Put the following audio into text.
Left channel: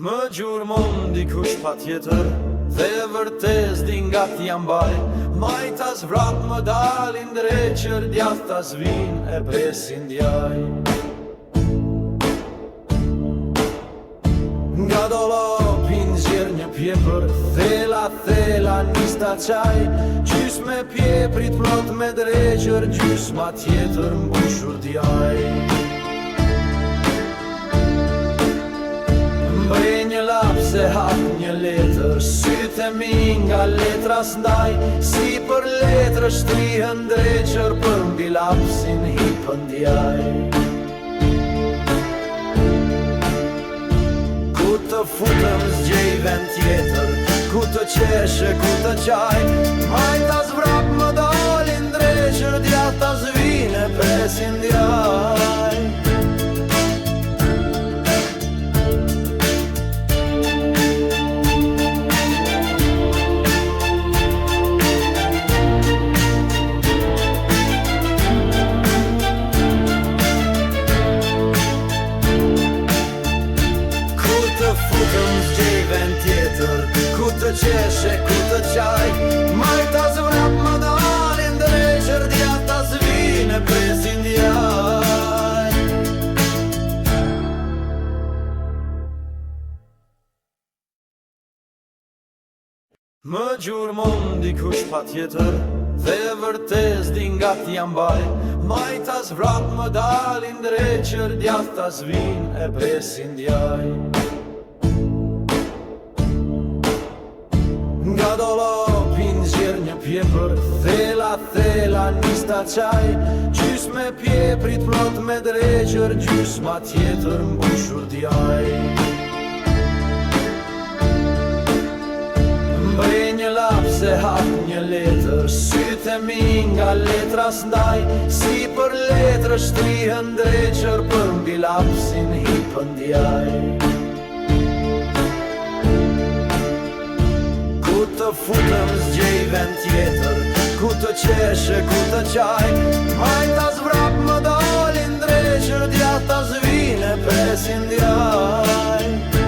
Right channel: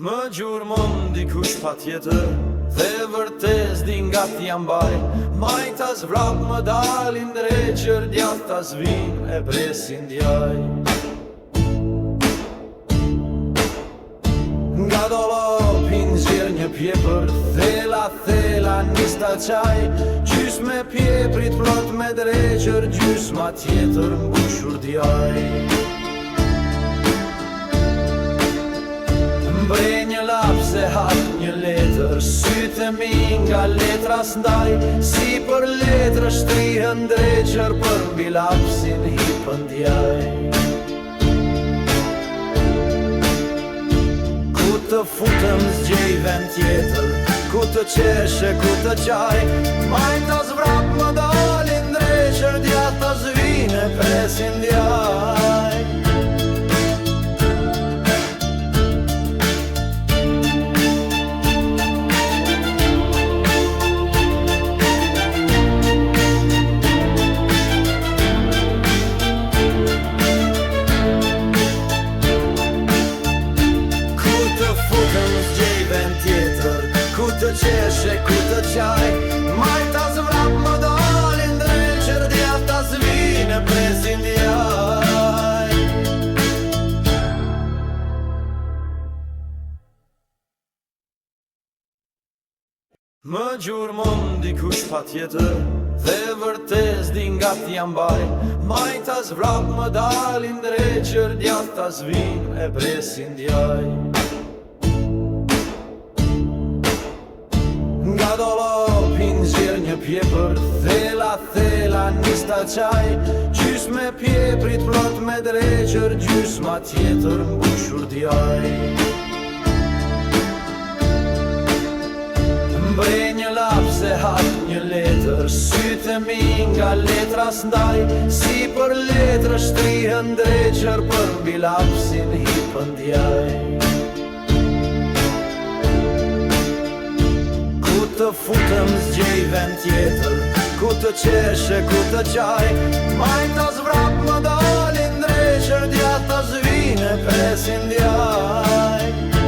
Më gjurmon dikush pa tjetër, dhe vërtes din nga t'jam baj. Majtas vrap më dalin dreqër, djathtas vin e presin djaj. Nga dolopin zjer një pjepër, thela nista qaj. Gjys me pjeprit plot me dreqër, gjys ma tjetër mbushur djaj. Mbrej një lap se hap një letër, sytë mi nga letra s'ndaj. Si për letrë shtrihën dreqër, për mbi lapsin hipën djaj. Ku të futëm zgjej vend tjetër, ku të qeshe, ku të qaj. Majtas vrap më dalin dreqër, djathtas vine presin djaj. Të futëm zgjej vend tjetër, ku të qeshe, ku të qaj. Majtas vrap më dalin dreqër, djathtas vine presin djaj. Më gjurmon dikush pa tjetër, dhe vërtes din nga t'jam baj. Majtas vrap më dalin dreqër, djathtas vine e presin djaj. Nga dolopin zjer një pjepër, thela nista qaj. Gjys me pjeprit plot me dreqër, gjys ma tjetër mbushur djaj. Mbrej një lap se hap një letër, sytë mi nga letra s'ndaj. Si për letrë shtrihën dreqër, për mbi lapsin hipën djaj. Ku të futëm zgjej vend tjetër, ku të qeshe, ku të qaj. Majtas vrap më dalin dreqër, djathtas vine presin djaj.